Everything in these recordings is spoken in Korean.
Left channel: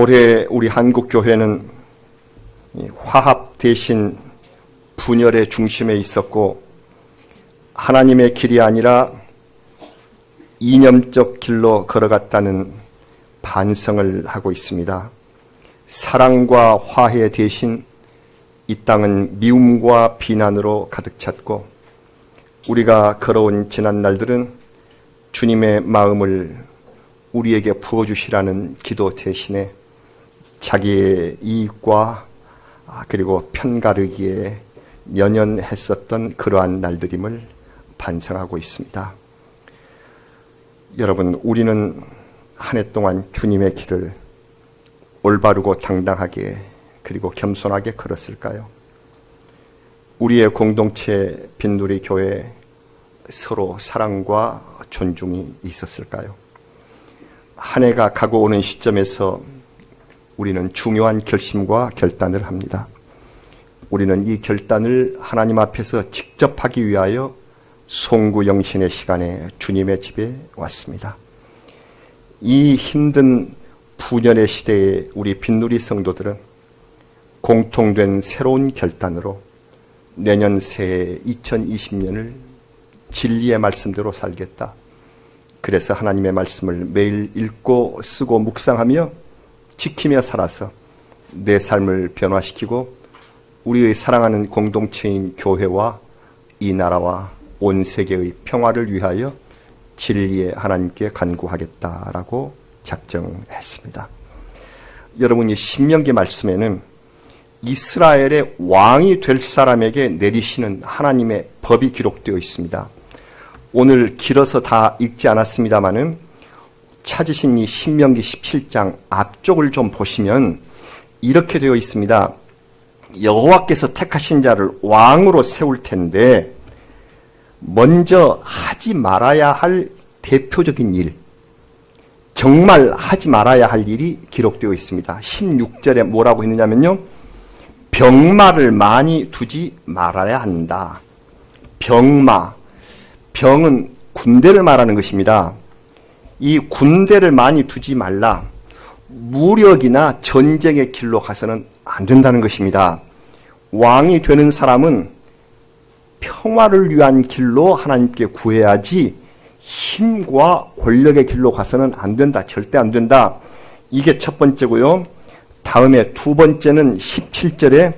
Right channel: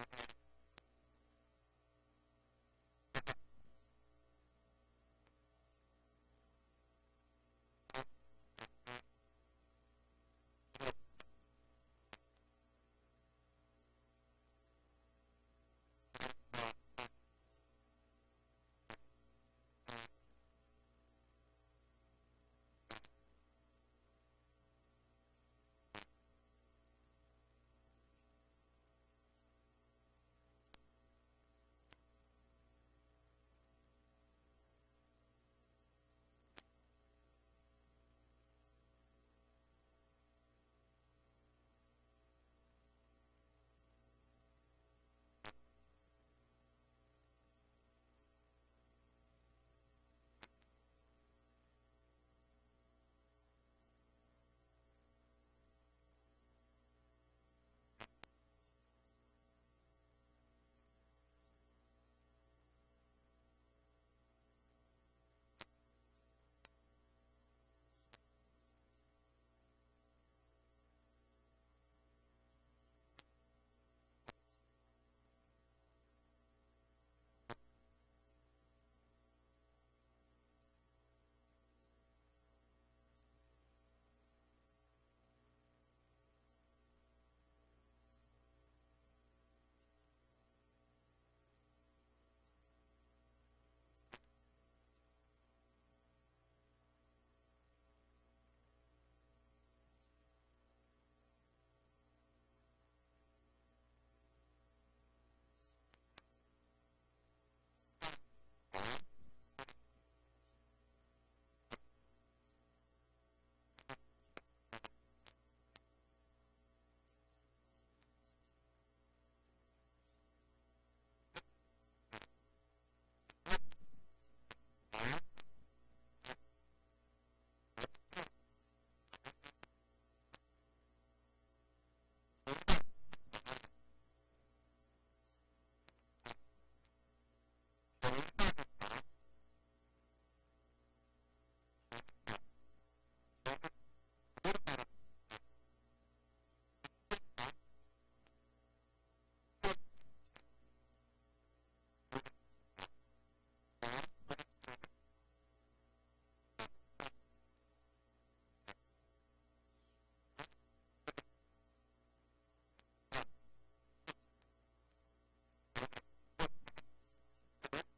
올해 우리 한국교회는 화합 대신 분열의 중심에 있었고 하나님의 길이 아니라 이념적 길로 걸어갔다는 반성을 하고 있습니다. 사랑과 화해 대신 이 땅은 미움과 비난으로 가득 찼고 우리가 걸어온 지난 날들은 주님의 마음을 우리에게 부어주시라는 기도 대신에 자기의 이익과 그리고 편가르기에 연연했었던 그러한 날들임을 반성하고 있습니다. 여러분, 우리는 한 해 동안 주님의 길을 올바르고 당당하게 그리고 겸손하게 걸었을까요? 우리의 공동체 빈누리 교회 서로 사랑과 존중이 있었을까요? 한 해가 가고 오는 시점에서 우리는 중요한 결심과 결단을 합니다. 우리는 이 결단을 하나님 앞에서 직접 하기 위하여 송구영신의 시간에 주님의 집에 왔습니다. 이 힘든 분열의 시대에 우리 빈누리 성도들은 공통된 새로운 결단으로 내년 새해 2020년을 진리의 말씀대로 살겠다. 그래서 하나님의 말씀을 매일 읽고 쓰고 묵상하며 지키며 살아서 내 삶을 변화시키고 우리의 사랑하는 공동체인 교회와 이 나라와 온 세계의 평화를 위하여 진리의 하나님께 간구하겠다라고 작정했습니다. 여러분, 이 신명기 말씀에는 이스라엘의 왕이 될 사람에게 내리시는 하나님의 법이 기록되어 있습니다. 오늘 길어서 다 읽지 않았습니다마는 찾으신 이 신명기 17장 앞쪽을 좀 보시면 이렇게 되어 있습니다. 여호와께서 택하신 자를 왕으로 세울 텐데 먼저 하지 말아야 할 대표적인 일, 정말 하지 말아야 할 일이 기록되어 있습니다. 16절에 뭐라고 했느냐면요, 병마를 많이 두지 말아야 한다. 병마, 병은 군대를 말하는 것입니다. 이 군대를 많이 두지 말라. 무력이나 전쟁의 길로 가서는 안 된다는 것입니다. 왕이 되는 사람은 평화를 위한 길로 하나님께 구해야지 힘과 권력의 길로 가서는 안 된다. 절대 안 된다. 이게 첫 번째고요. 다음에 두 번째는 17절에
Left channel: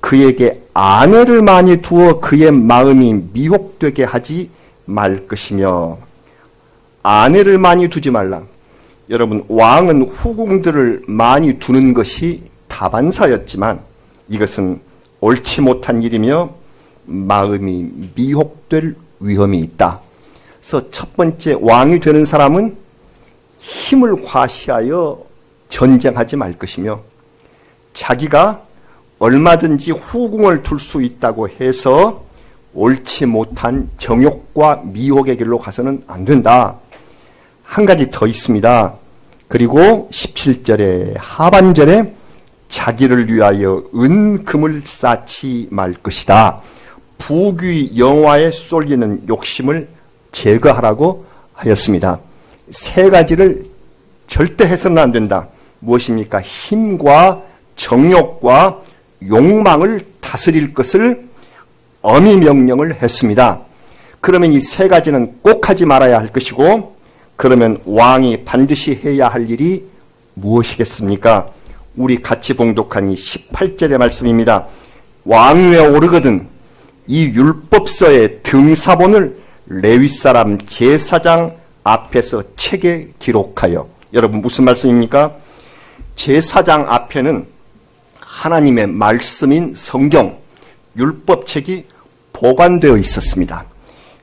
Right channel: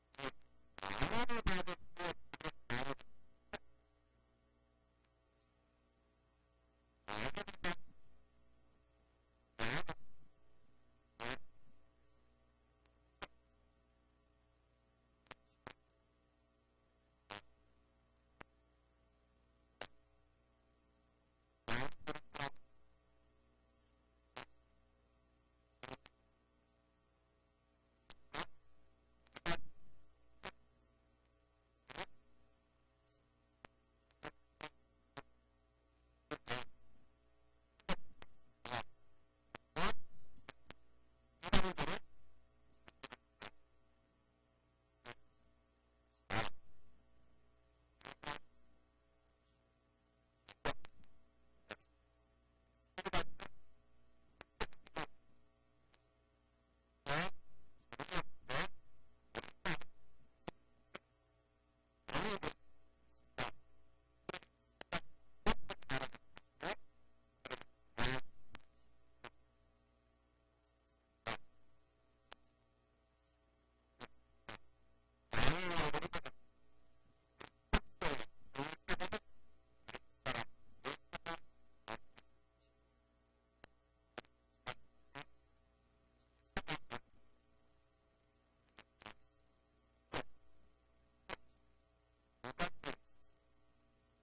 그에게 아내를 많이 두어 그의 마음이 미혹되게 하지 말 것이며, 아내를 많이 두지 말라. 여러분, 왕은 후궁들을 많이 두는 것이 다반사였지만 이것은 옳지 못한 일이며 마음이 미혹될 위험이 있다. 그래서 첫 번째, 왕이 되는 사람은 힘을 과시하여 전쟁하지 말 것이며 자기가 얼마든지 후궁을 둘 수 있다고 해서 옳지 못한 정욕과 미혹의 길로 가서는 안 된다. 한 가지 더 있습니다. 그리고 17절에 하반절에 자기를 위하여 은금을 쌓지 말 것이다. 부귀 영화에 쏠리는 욕심을 제거하라고 하였습니다. 세 가지를 절대 해서는 안 된다. 무엇입니까? 힘과 정욕과 욕망을 다스릴 것을 엄히 명령을 했습니다. 그러면 이 세 가지는 꼭 하지 말아야 할 것이고, 그러면 왕이 반드시 해야 할 일이 무엇이겠습니까? 우리 같이 봉독한 이 18절의 말씀입니다. 왕위에 오르거든 이 율법서의 등사본을 레위 사람 제사장 앞에서 책에 기록하여. 여러분, 무슨 말씀입니까? 제사장 앞에는 하나님의 말씀인 성경, 율법책이 보관되어 있었습니다.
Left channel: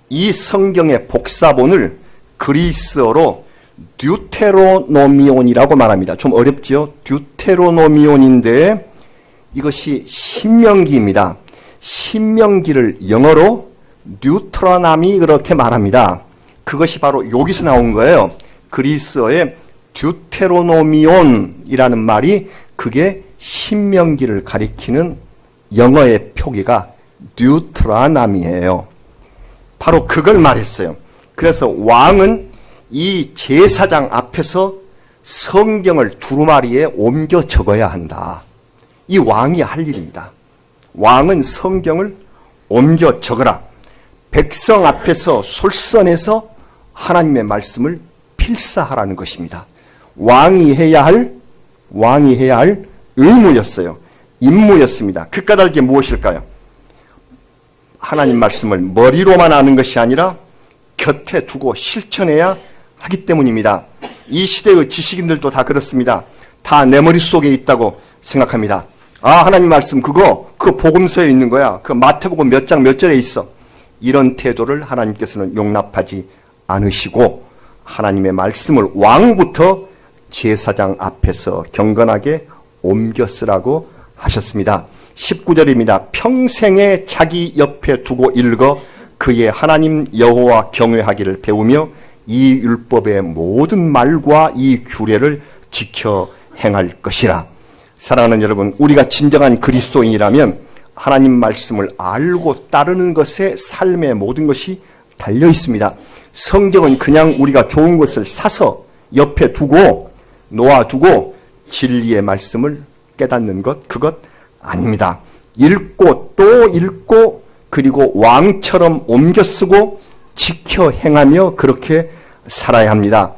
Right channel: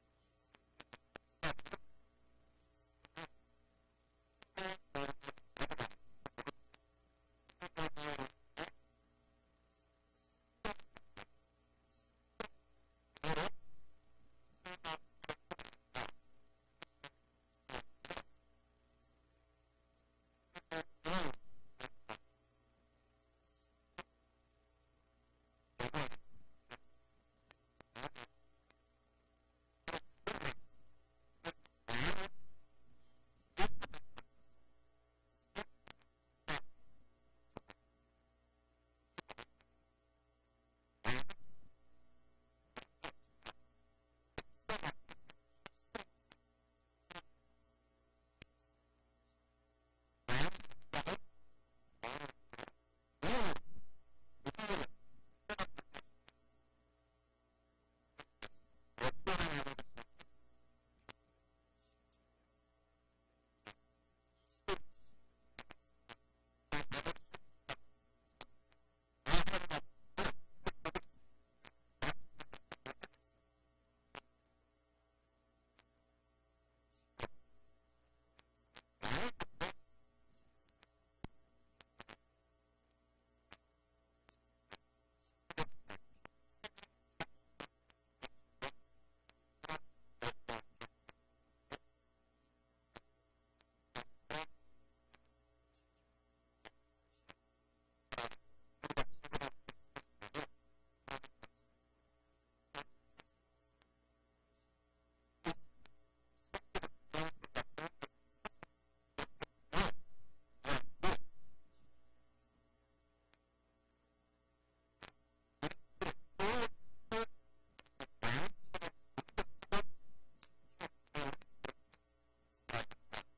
이 성경의 복사본을 그리스어로 듀테로노미온이라고 말합니다. 좀 어렵죠? 듀테로노미온인데 이것이 신명기입니다. 신명기를 영어로 뉴트라나미 그렇게 말합니다. 그것이 바로 여기서 나온 거예요. 그리스어의 듀테로노미온이라는 말이 그게 신명기를 가리키는 영어의 표기가 뉴트라나미예요. 바로 그걸 말했어요. 그래서 왕은 이 제사장 앞에서 성경을 두루마리에 옮겨 적어야 한다. 이 왕이 할 일입니다. 왕은 성경을 옮겨 적어라. 백성 앞에서 솔선해서 하나님의 말씀을 필사하라는 것입니다. 왕이 해야 할 의무였어요. 임무였습니다. 그 까닭이 무엇일까요? 하나님 말씀을 머리로만 아는 것이 아니라 곁에 두고 실천해야 하기 때문입니다. 이 시대의 지식인들도 다 그렇습니다. 다 내 머릿속에 있다고 생각합니다. 아, 하나님 말씀 그거 복음서에 있는 거야. 그 마태복음 몇 장 몇 절에 있어. 이런 태도를 하나님께서는 용납하지 않으시고 하나님의 말씀을 왕부터 제사장 앞에서 경건하게 옮겨 쓰라고 하셨습니다. 19절입니다. 평생에 자기 옆에 두고 읽어 그의 하나님 여호와 경외하기를 배우며 이 율법의 모든 말과 이 규례를 지켜 행할 것이라. 사랑하는 여러분, 우리가 진정한 그리스도인이라면 하나님 말씀을 알고 따르는 것에 삶의 모든 것이 달려 있습니다. 성경은 그냥 우리가 좋은 것을 사서 옆에 두고 놓아두고 진리의 말씀을 깨닫는 것, 그것 아닙니다. 읽고 또 읽고 그리고 왕처럼 옮겨 쓰고 지켜 행하며 그렇게 살아야 합니다.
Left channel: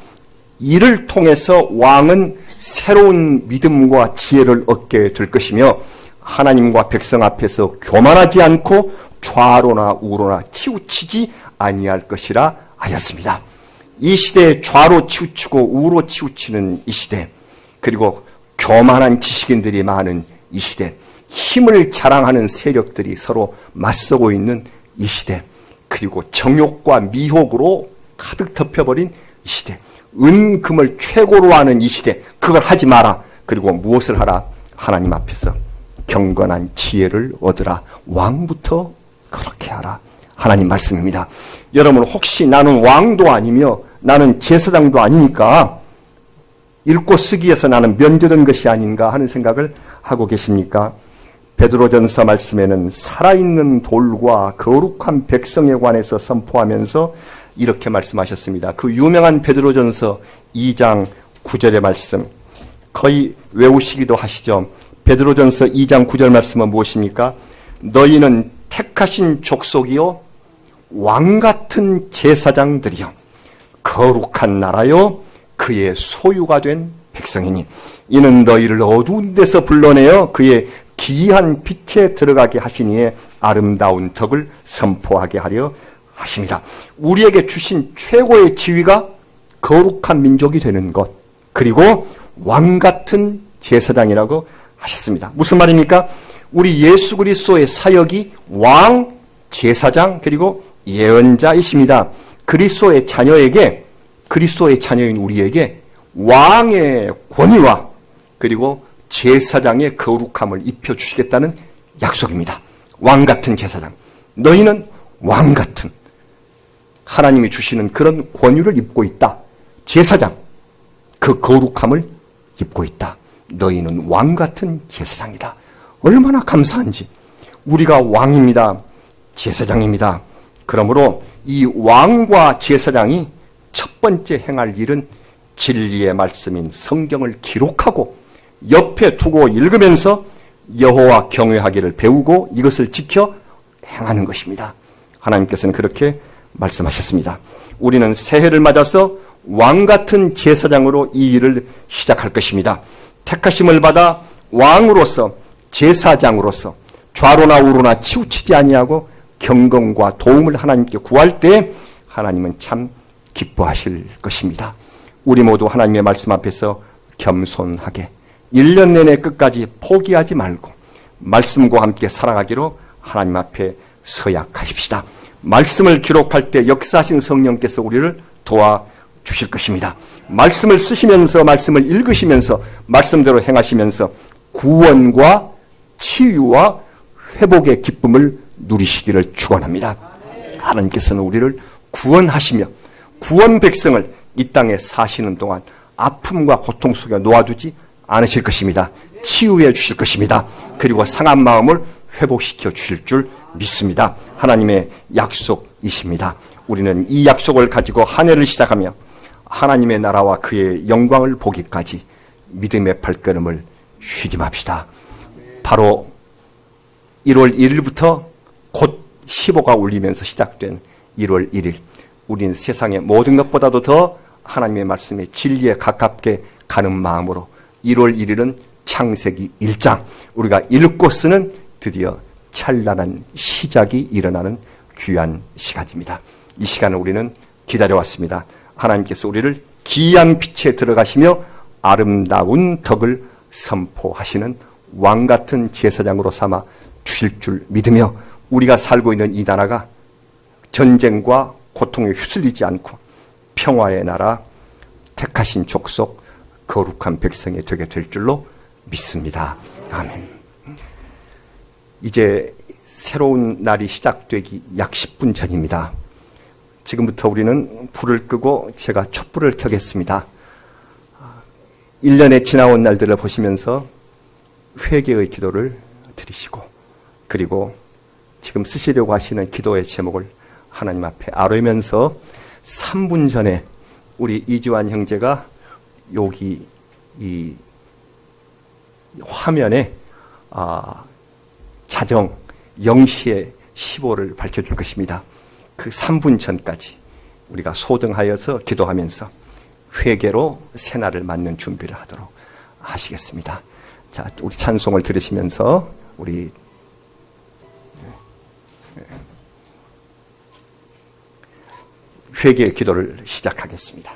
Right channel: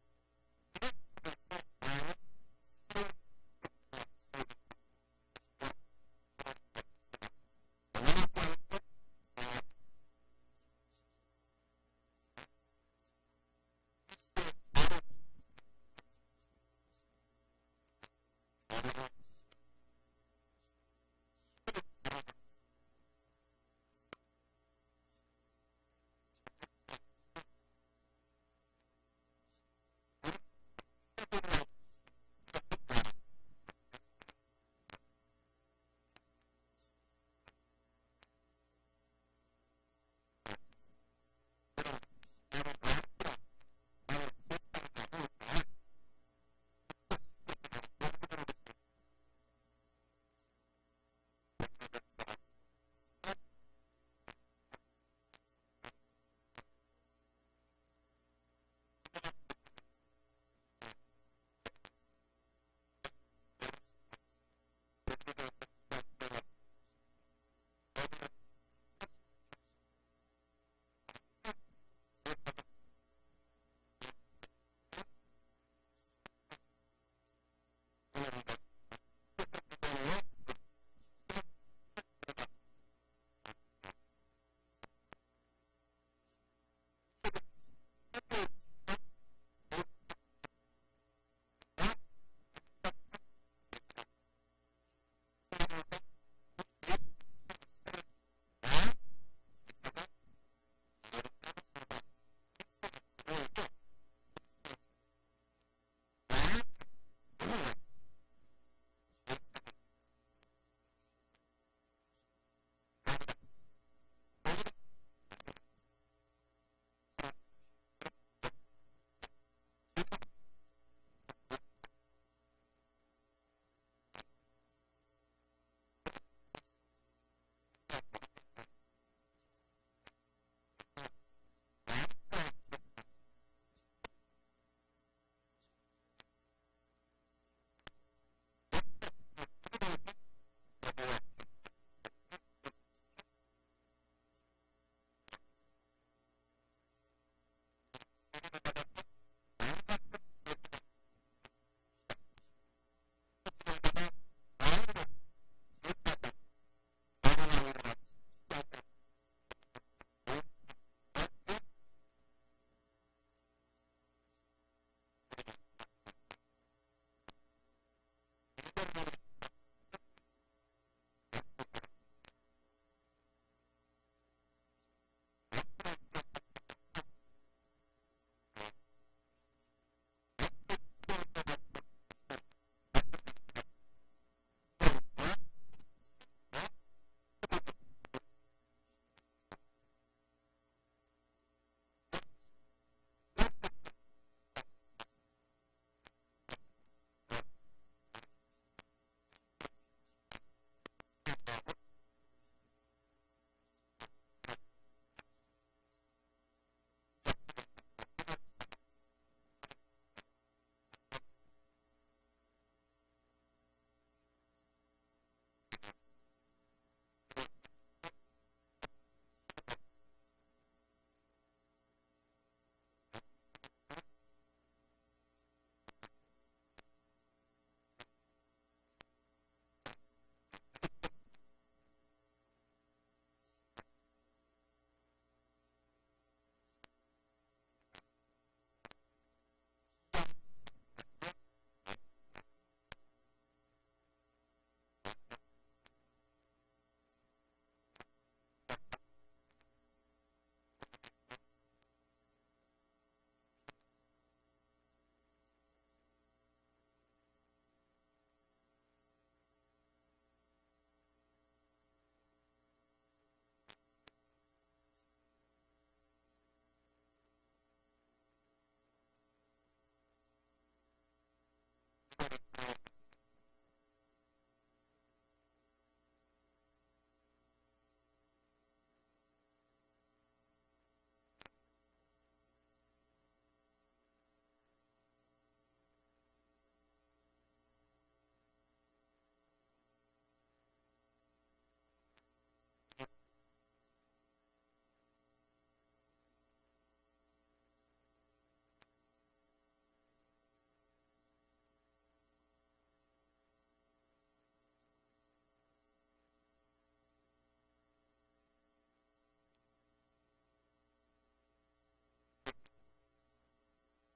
이를 통해서 왕은 새로운 믿음과 지혜를 얻게 될 것이며 하나님과 백성 앞에서 교만하지 않고 좌로나 우로나 치우치지 아니할 것이라 하였습니다. 이 시대에 좌로 치우치고 우로 치우치는 이 시대, 그리고 교만한 지식인들이 많은 이 시대, 힘을 자랑하는 세력들이 서로 맞서고 있는 이 시대, 그리고 정욕과 미혹으로 가득 덮여버린 이 시대, 은금을 최고로 하는 이 시대, 그걸 하지 마라. 그리고 무엇을 하라? 하나님 앞에서 경건한 지혜를 얻으라. 왕부터 그렇게 하라. 하나님 말씀입니다. 여러분, 혹시 나는 왕도 아니며 나는 제사장도 아니니까 읽고 쓰기에서 나는 면제된 것이 아닌가 하는 생각을 하고 계십니까? 베드로전서 말씀에는 살아있는 돌과 거룩한 백성에 관해서 선포하면서 이렇게 말씀하셨습니다. 그 유명한 베드로전서 2장 9절의 말씀, 거의 외우시기도 하시죠. 베드로전서 2장 9절 말씀은 무엇입니까? 너희는 택하신 족속이요 왕같은 제사장들이요 거룩한 나라요 그의 소유가 된 백성이니 이는 너희를 어두운 데서 불러내어 그의 기이한 빛에 들어가게 하시니에 아름다운 덕을 선포하게 하려 하십니다. 우리에게 주신 최고의 지위가 거룩한 민족이 되는 것, 그리고 왕같은 제사장이라고 하셨습니다. 무슨 말입니까? 우리 예수 그리스도의 사역이 왕, 제사장, 그리고 예언자이십니다. 그리스도의 자녀에게, 그리스도의 자녀인 우리에게 왕의 권위와 그리고 제사장의 거룩함을 입혀주시겠다는 약속입니다. 왕같은 제사장. 너희는 왕같은, 하나님이 주시는 그런 권위를 입고 있다. 제사장, 그 거룩함을 입고 있다. 너희는 왕같은 제사장이다. 얼마나 감사한지. 우리가 왕입니다. 제사장입니다. 그러므로 이 왕과 제사장이 첫 번째 행할 일은 진리의 말씀인 성경을 기록하고 옆에 두고 읽으면서 여호와 경외하기를 배우고 이것을 지켜 행하는 것입니다. 하나님께서는 그렇게 말씀하셨습니다. 우리는 새해를 맞아서 왕같은 제사장으로 이 일을 시작할 것입니다. 택하심을 받아 왕으로서, 제사장으로서 좌로나 우로나 치우치지 아니하고 경건과 도움을 하나님께 구할 때 하나님은 참 기뻐하실 것입니다. 우리 모두 하나님의 말씀 앞에서 겸손하게 1년 내내 끝까지 포기하지 말고 말씀과 함께 살아가기로 하나님 앞에 서약하십시다. 말씀을 기록할 때 역사하신 성령께서 우리를 도와주실 것입니다. 말씀을 쓰시면서, 말씀을 읽으시면서, 말씀대로 행하시면서 구원과 치유와 회복의 기쁨을 누리시기를 축원합니다. 하나님께서는 우리를 구원하시며 구원 백성을 이 땅에 사시는 동안 아픔과 고통 속에 놓아두지 않으실 것입니다. 치유해 주실 것입니다. 그리고 상한 마음을 회복시켜 주실 줄 믿습니다. 하나님의 약속이십니다. 우리는 이 약속을 가지고 한 해를 시작하며 하나님의 나라와 그의 영광을 보기까지 믿음의 발걸음을 쉬지 맙시다. 바로 1월 1일부터 곧 15가 울리면서 시작된 1월 1일, 우리는 세상의 모든 것보다도 더 하나님의 말씀의 진리에 가깝게 가는 마음으로 1월 1일은 창세기 1장, 우리가 읽고 쓰는 드디어 찬란한 시작이 일어나는 귀한 시간입니다. 이 시간을 우리는 기다려왔습니다. 하나님께서 우리를 기이한 빛에 들어가시며 아름다운 덕을 선포하시는 왕같은 제사장으로 삼아 주실 줄 믿으며 우리가 살고 있는 이 나라가 전쟁과 고통에 휩쓸리지 않고 평화의 나라, 택하신 족속, 거룩한 백성이 되게 될 줄로 믿습니다. 아멘. 이제 새로운 날이 시작되기 약 10분 전입니다. 지금부터 우리는 불을 끄고 제가 촛불을 켜겠습니다. 1년에 지나온 날들을 보시면서 회개의 기도를 드리시고, 그리고 지금 쓰시려고 하시는 기도의 제목을 하나님 앞에 아뢰면서 3분 전에 우리 이주환 형제가 여기 이 화면에 자정 0시에 15를 밝혀줄 것입니다. 그 3분 전까지 우리가 소등하여서 기도하면서 회개로 새날을 맞는 준비를 하도록 하시겠습니다. 자, 우리 찬송을 들으시면서 우리 회개의 기도를 시작하겠습니다.